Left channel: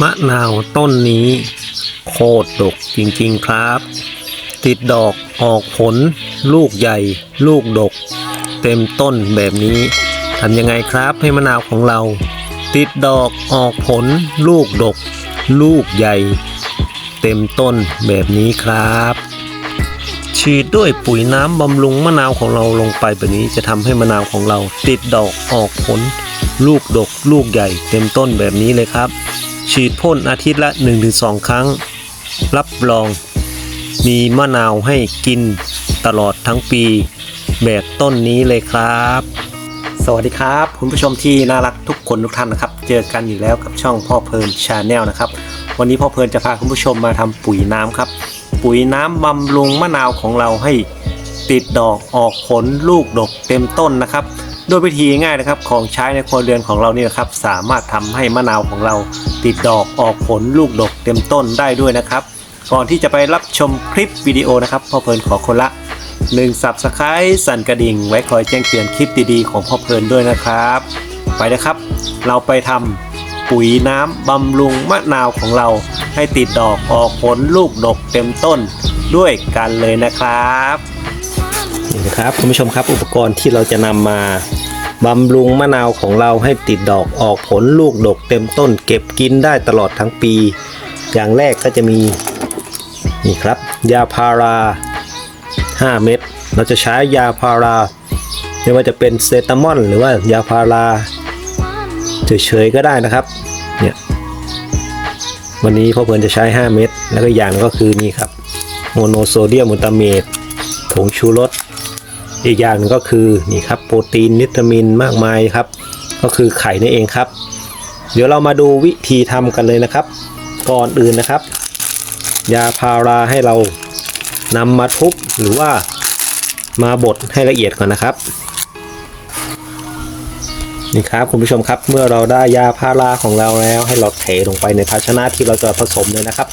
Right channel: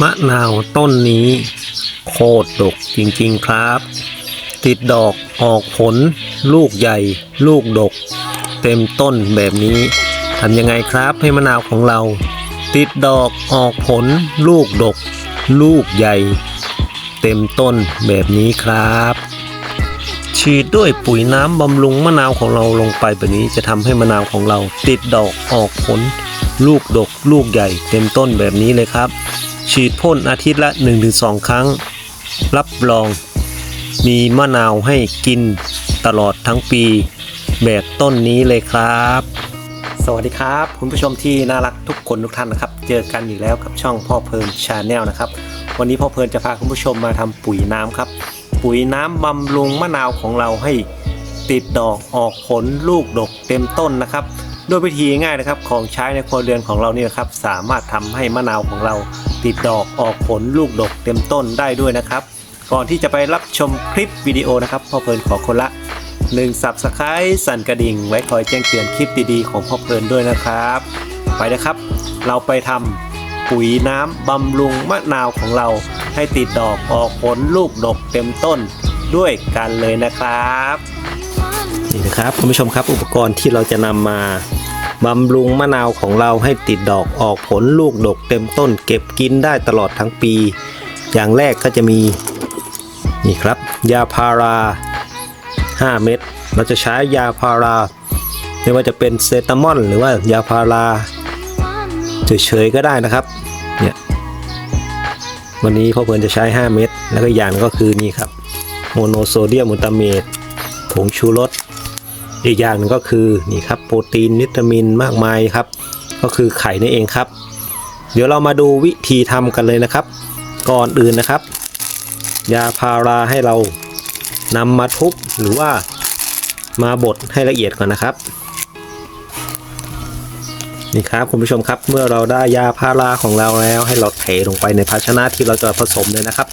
มะนาวต้นนี้ โคตรดกจริงๆครับ ติดดอกออกผล ลูกใหญ่ ลูกดก เต็มต้นแบบนี้ทำยังไงครับให้มะนาวของเรา ติดดอกออกผล ลูกดก ลูกใหญ่ เต็มต้นแบบนี้ครับ ฉีดด้วยปุ๋ยน้ำบำรุงมะนาวของเราลงไปแบบนี้จะทำให้มะนาวของเรา ติดดอกออกผล ลูกดก ลูกใหญ่ เต็มต้นแบบนี้เลยครับ ฉีดพ่นอาทิตย์ละ 1-2 ครั้ง รับรอง มีมะนาวให้กินตลอดทั้งปี แบบต้นนี้เลยครับ สวัสดีครับ คุณผู้ชมที่น่ารักทุกคนทุกท่านนะครับ เจอกันอีกแล้วกับช่องพ่อเพลินชาแนลนะครับ วันนี้พ่อเพลินจะพาคุณผู้ชมมาทำปุ๋ยน้ำครับ ปุ๋ยน้ำบำรุงมะนาวของเราให้ติดดอกออกผลลูกดกเต็มต้นนะครับ ด้วยวิธีง่ายนะครับของใช้ในครัวเรือนของเราเนี่นะครับสามารถทำให้มะนาวของเราติดดอกออกผลลูกดกเต็มต้นได้ด้วยนะครับ ก่อนที่จะไปรับชมคลิปวิดีโอนะครับพ่อเพลินขอคนละ1 Subscribe สั่นกระดิ่ง ไว้คอยแจ้งเตือนคลิปดีๆของพ่อเพลินด้วยนะครับ ไปนะครับ เราไปทำปุ๋ยน้ำบำรุงมะนาวของเราให้ติดดอกออกผลลูกดกเต็มต้นด้วยกันเลยนะครับ ครับคุณผู้ชมครับอุปกรณ์ที่เราจะนำมาบำรุงมะนาวของเราให้ติดดอกออกผลลูกดกเต็มต้น เก็บกินได้ตลอดทั้งปี อย่างแรกก็จะมีนี่ครับ ยาพารา 5 เม็ดเราจะใช้ยาพาราไม่ว่าจะเป็นเซตามอลหรือว่ายาพาราเฉยๆก็ได้นะครับเนี่ยวันนี้พ่อเพลินจะใช้ 5 เม็ดแล้วก็อย่างก็คือนี่ครับโมโนโซเดียมมูตาเมตผงชูรส อีกอย่างหนึงก็คือนี่ครับโปรตีนวิตามินมากมายครับ ก็คือไข่นั่นเองครับ เดี๋ยวเรามาดูวิธีทำกันเลยนะครับ ก่อนอื่นนะครับ ยาพาราให้เรานำมาทุบหรือว่ามาบดให้ละเอียดก่อนนะครับนี่ครับคุณผู้ชมครับเมื่อเราได้ยาพาราของเราแล้ว ให้เราเทลงไปในภาชนะที่เราจะผสมเลยนะครับ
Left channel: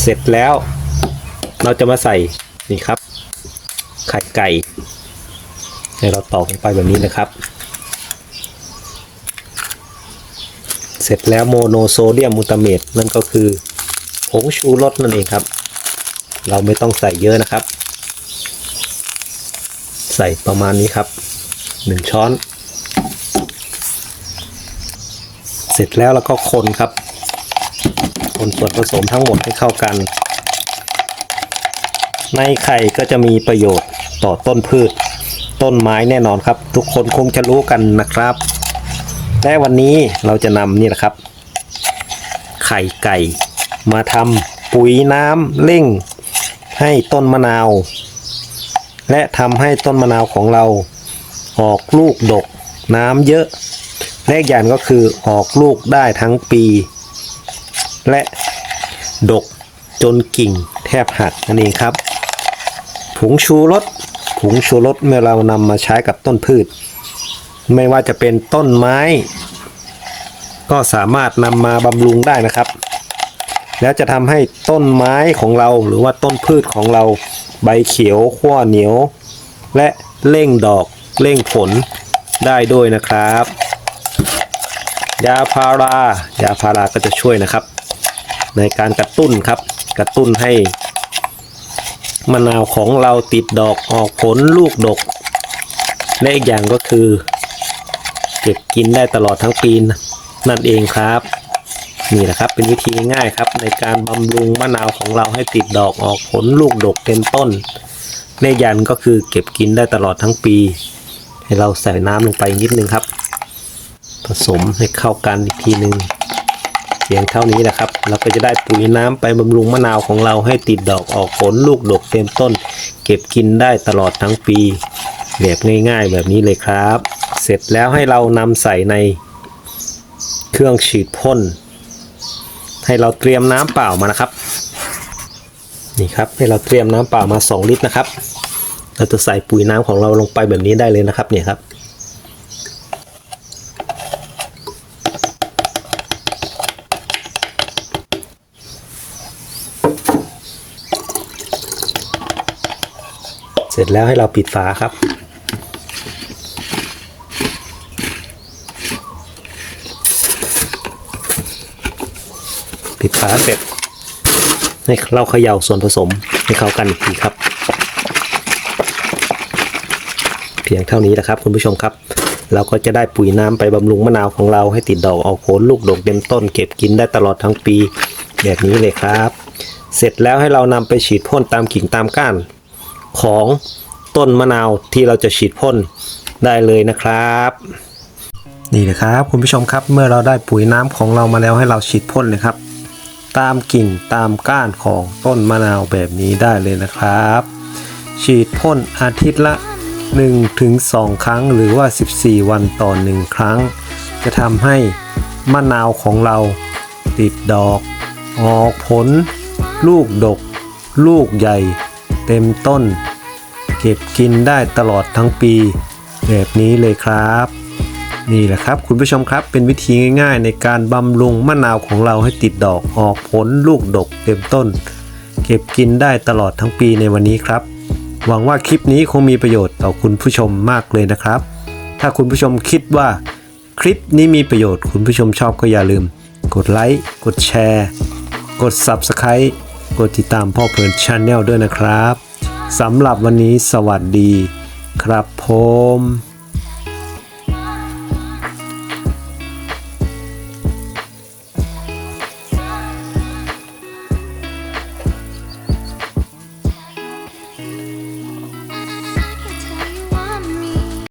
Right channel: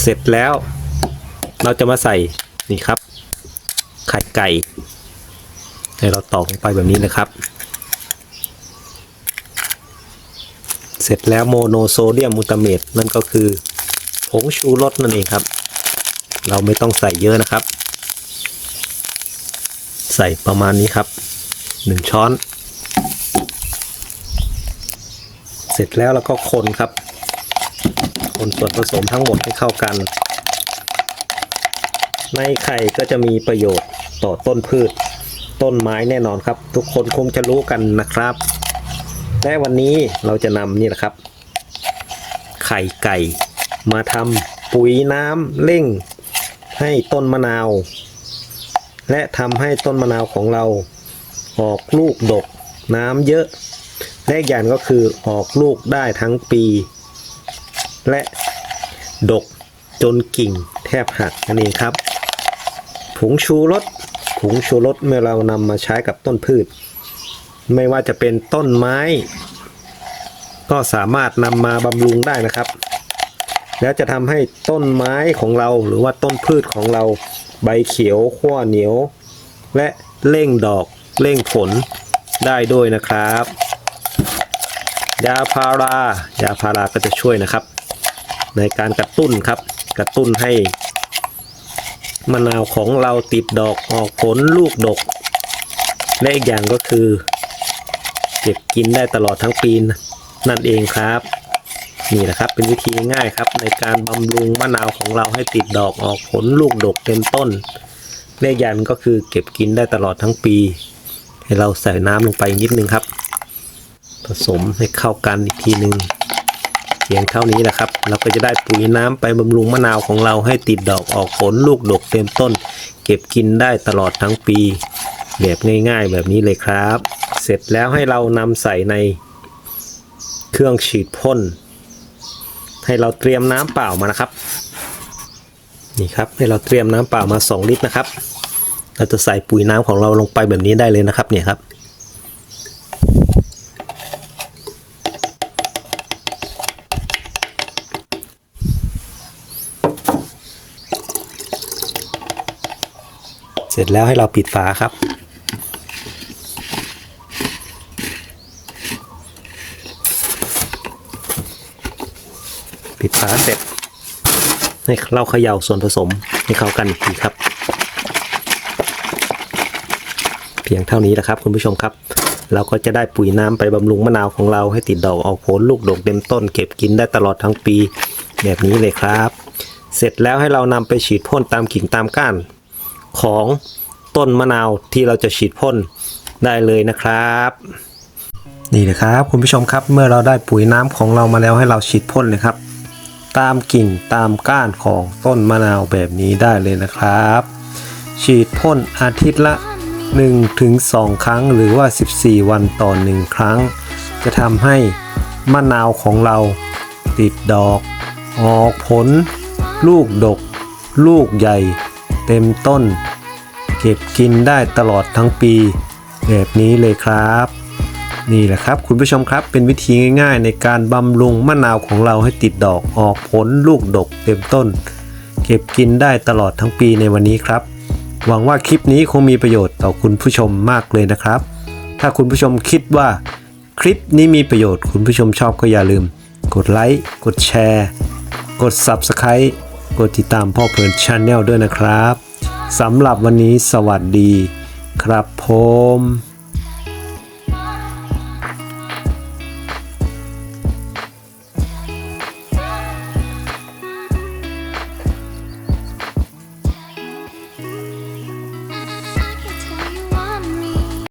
เสร็จแล้วเราจะมาใส่นี่ครับ ไก่ ให้เราตอกลงไปแบบนี้นะครับ เสร็จแล้วโมโนโซเดียมมูตาเมตนั่นก็คือผงชูรสนั่นเองครับ เราไม่ต้องใส่เยอะนะครับ ใส่ประมาณนี้ครับหนึ่งช้อน เสร็จแล้วเราก็คนครับ คนส่วนผสมทั้งหมดให้เข้ากันในไข่ก็จะมีประโยชน์ ต่อต้นพืช ต้นไม้แน่นอนครับ ทุกคนคงจะรู้กันนะครับและวันนี้เราจะนำนี่นะครับ ไข่ไก่ มาทำปุ๋ยน้ำเร่ง ให้ต้นมะนาว และทำให้ต้นมะนาวของเรา ออกลูกดกน้ำเยอะและอีกอย่างก็คือออกลูกได้ทั้งปี และดกจนกิ่งแทบหักนั่นเองครับ ผงชูรส ผงชูรสเมื่อเรานำมาใช้กับต้นพืช ไม่ว่าจะเป็นต้นไม้ ก็สามารถนำมาบำรุงได้นะครับ แล้วจะทำให้ต้นไม้ของเราหรือว่าต้นพืชของเราใบเขียวขั้วเหนียว และเร่งดอกเร่งผลได้ด้วยนะครับ ยาพารายาพาราก็จะช่วยนะครับ ในการกระตุ้นครับกระตุ้นให้ มะนาวของเราติดดอกออกผลลูกดก และอีกอย่างก็คือ เก็บกินได้ตลอดทั้งปีนั่นเองครับ นี่นะครับเป็นวิธีง่ายครับ ในการบำรุงมะนาวของเราให้ติดดอกออกผลลูกดกเต็มต้นเลขยันก็คือเก็บกินได้ตลอดทั้งปี ให้เราใส่น้ำลงไปนิดนึงครับ ผสมให้เข้ากันอีกทีหนึ่ง เพียงเท่านี้นะครับ เราก็จะได้ปุ๋ยน้ำไปบำรุงมะนาวของเราให้ติดดอกออกผลลูกดกเต็มต้น เก็บกินได้ตลอดทั้งปีแบบง่ายๆแบบนี้เลยครับ เสร็จแล้วให้เรานำใส่ในเครื่องฉีดพ่นให้เราเตรียมน้ำเปล่ามานะครับนี่ครับให้เราเตรียมน้ำเปล่ามา 2 ลิตรนะครับเราจะใส่ปุ๋ยน้ำของเราลงไปแบบนี้ได้เลยนะครับเนี่ยครับ เสร็จแล้วให้เราปิดฝาครับ ปิดฝาเสร็จให้เราเขย่าส่วนผสมให้เข้ากันอีกทีครับ เพียงเท่านี้แหละครับคุณผู้ชมครับ เราก็จะได้ปุ๋ยน้ำไปบำรุงมะนาวของเราให้ติดดอกออกผลลูกดกเต็มต้น เก็บกินได้ตลอดทั้งปี แบบนี้เลยครับ เสร็จแล้วให้เรานำไปฉีดพ่นตามกิ่งตามก้าน ของต้นมะนาวที่เราจะฉีดพ่นได้เลยนะครับ นี่นะครับคุณผู้ชมครับเมื่อเราได้ปุ๋ยน้ำของเรามาแล้วให้เราฉีดพ่นเลยครับ ตามกิ่งตามก้านของต้นมะนาวแบบนี้ได้เลยนะครับ ฉีดพ่นอาทิตย์ละ 1-2 ครั้งหรือว่า 14 วันต่อ 1 ครั้ง จะทำให้มะนาวของเราติดดอก ออกผล ลูกดก ลูกใหญ่ เต็มต้น เก็บกินได้ตลอดทั้งปี แบบนี้เลยครับ นี่แหละครับ คุณผู้ชมครับเป็นวิธีง่ายๆ ในการบำรุงมะนาวของเราให้ติดดอกออกผลลูกดกเต็มต้น เก็บกินได้ตลอดทั้งปีในวันนี้ครับ หวังว่าคลิปนี้คงมีประโยชน์ต่อคุณผู้ชมมากเลยนะครับ ถ้าคุณผู้ชมคิดว่าคลิปนี้มีประโยชน์คุณผู้ชมชอบก็อย่าลืม กดไลค์ กดแชร์ กด Subscribe กดติดตามพ่อเพลินชาแนลด้วยนะครับสำหรับวันนี้สวัสดีครับผม